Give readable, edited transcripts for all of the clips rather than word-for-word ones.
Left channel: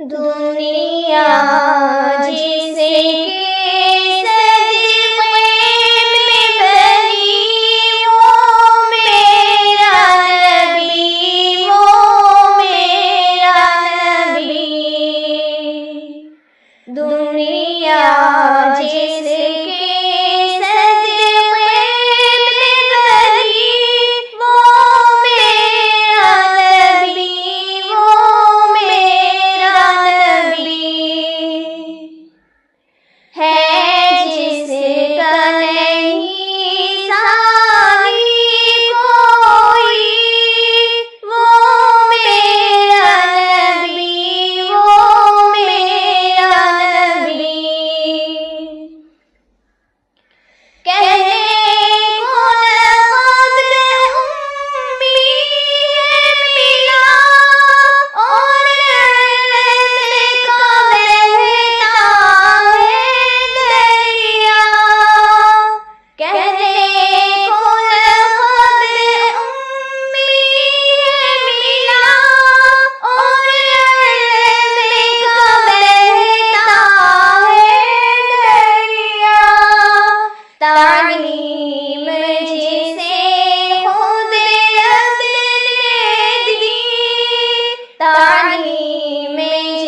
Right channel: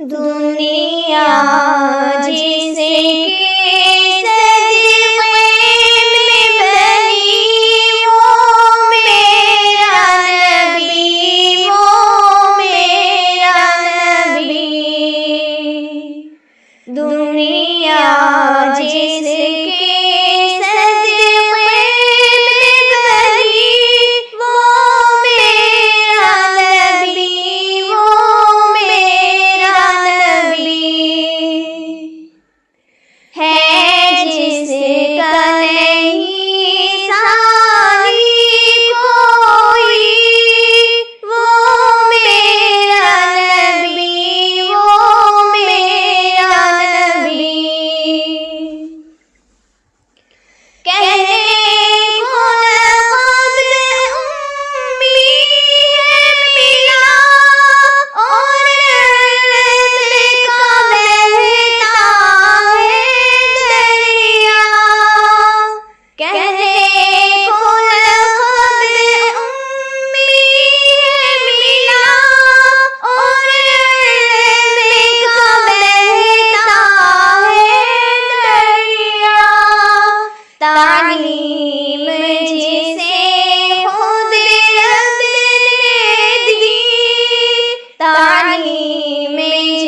दुनिया जिसे के सदक़े में बनी, वो मेरा नबी, वो मेरा नबी। दुनिया जिसे तालीम जिसे खुद रब ने दी, तालीम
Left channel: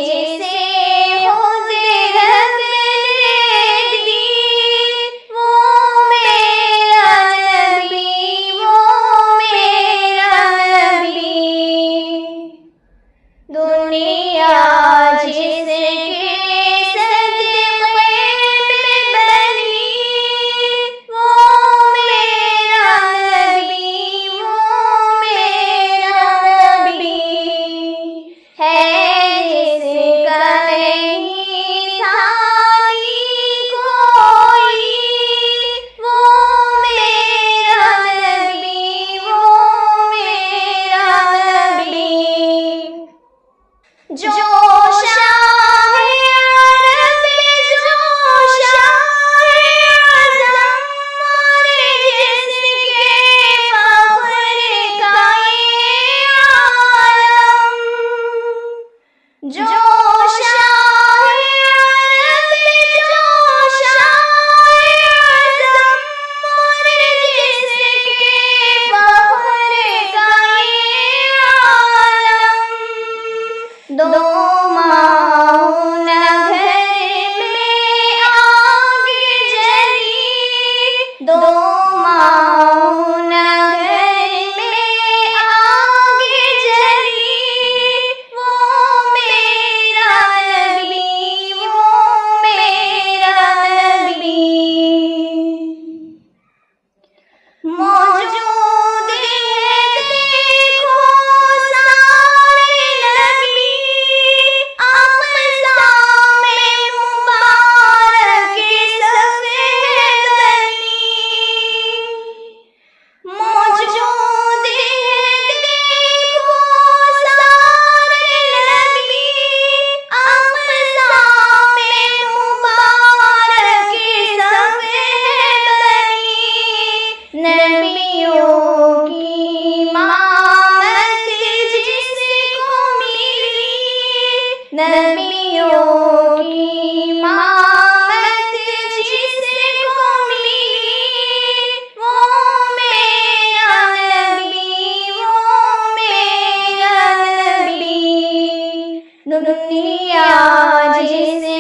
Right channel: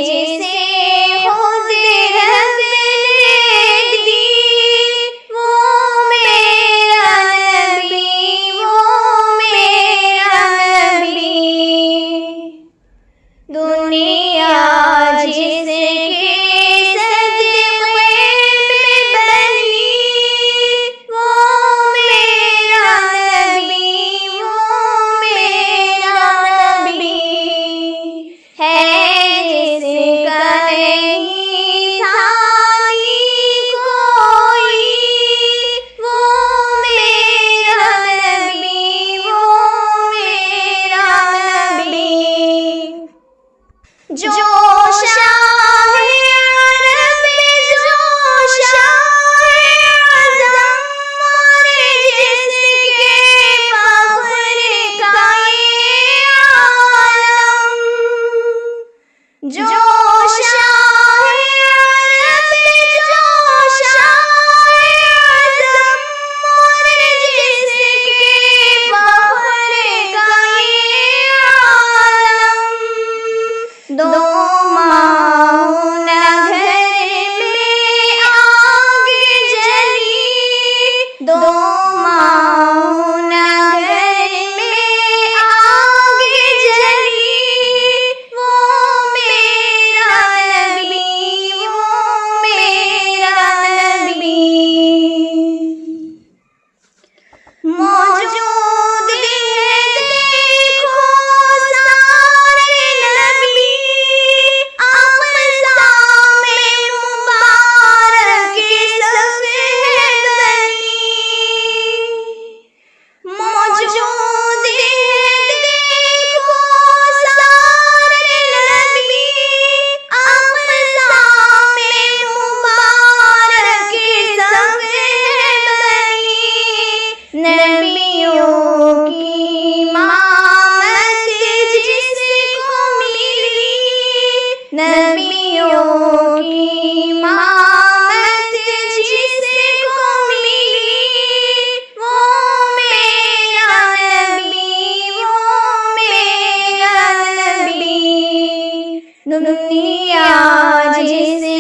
जिसे खुद रब ने दी, वो मेरा नबी, वो मेरा नबी। दुनिया जिसे जो शाह अरब, जो शाह आज़म, और जिसके फख्र का ये आलम। जो शाह अरब, जो शाह आज़म, और जिसके फख्र का ये आलम। दो माह घर में आग जली, दो माह घर में आग जली, वो मेरा नबी, वो मेरा नबी। मौजूद है देखो सारे नबी, नबियों की इमामत जिसको मिली, नबियों की इमामत जिसको मिली, वो मेरा नबी, वो मेरा नबी। दुनिया जिसे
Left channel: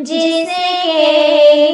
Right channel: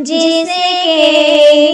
जिसके